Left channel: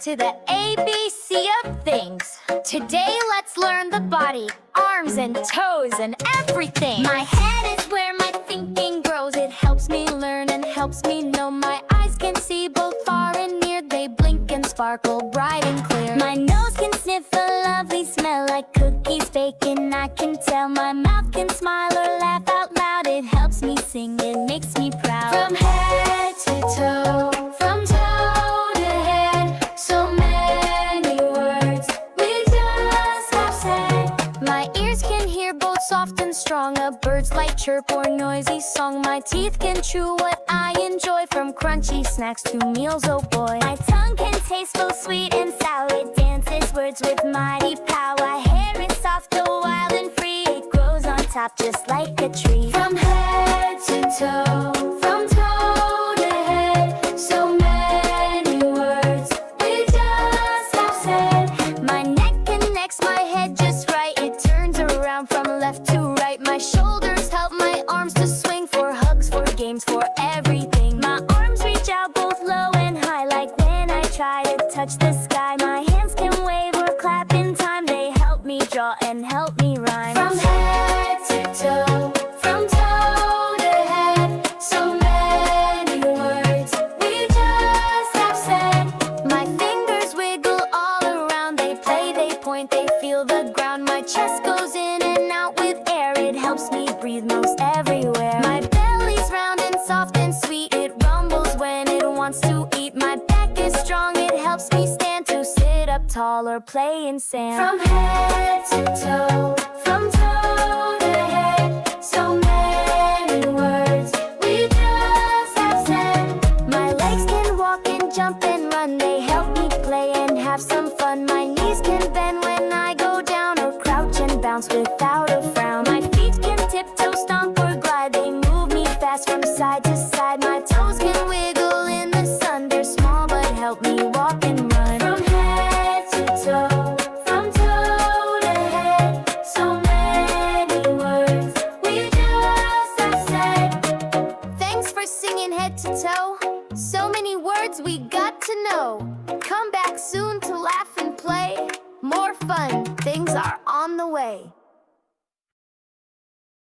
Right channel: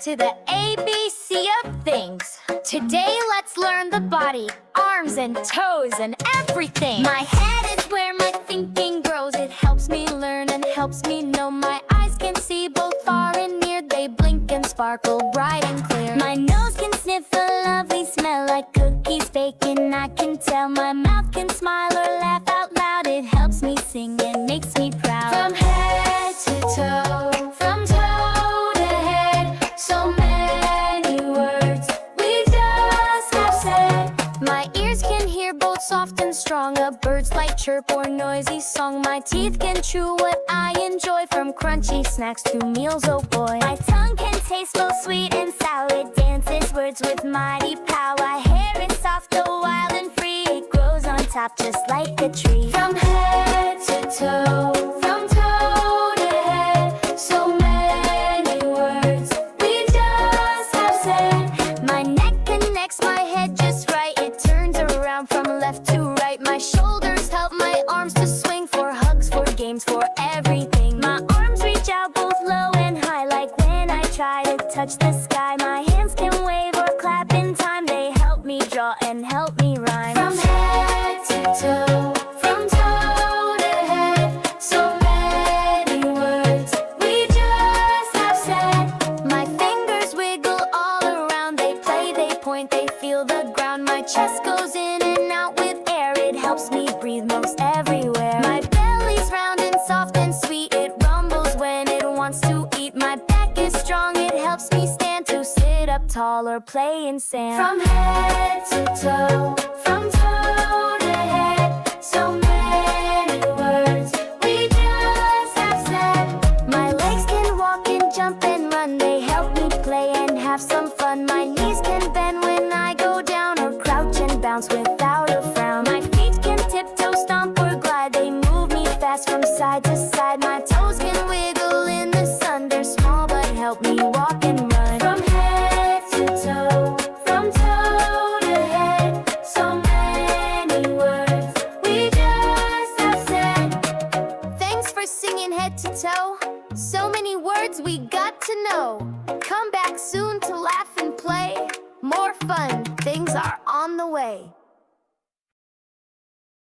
back to the ABC of things. Today, let's learn the body, arms and toes and everything. My head is where my thinking grows. It helps me learn and helps me know. My eyes can see both far and near. They blink and sparkle bright and clear. My nose can sniff a lovely smell like cookies baking. I can tell my mouth can smile or laugh out loud. It helps me sing, it makes me proud. From head to toe, from toe to head, so many words we just have said. My ears can hear both soft and strong, a bird's light chirp or noisy song. My teeth can chew what I enjoy, from crunchy snacks to meals, oh boy. My tongue can taste both sweet and sour. It dances words with mighty power. My hair is soft, though wild and free. It grows on top just like a tree. From head to toe, from toe to head, so many words we just have said. My neck connects my head just right. It turns around from left to right. My shoulders help my arms to swing, for hugs, for games, for everything. My arms reach out both low and high, like when I try to touch the sky. My hands can wave or clap in time. They help me draw and help me rhyme. From head to toe, from toe to head, so many words we just have said. My fingers wiggle all around. They play, they point, they feel the ground. My chest goes in and out with air. It helps me breathe most everywhere. My belly's round and soft and sweet. It rumbles when it wants to eat. My back is strong. It helps me stand, to sit up tall or play in sand. From head to toe, from toe to head, so many words we just have said. My legs can walk and jump and run. They help me play and have some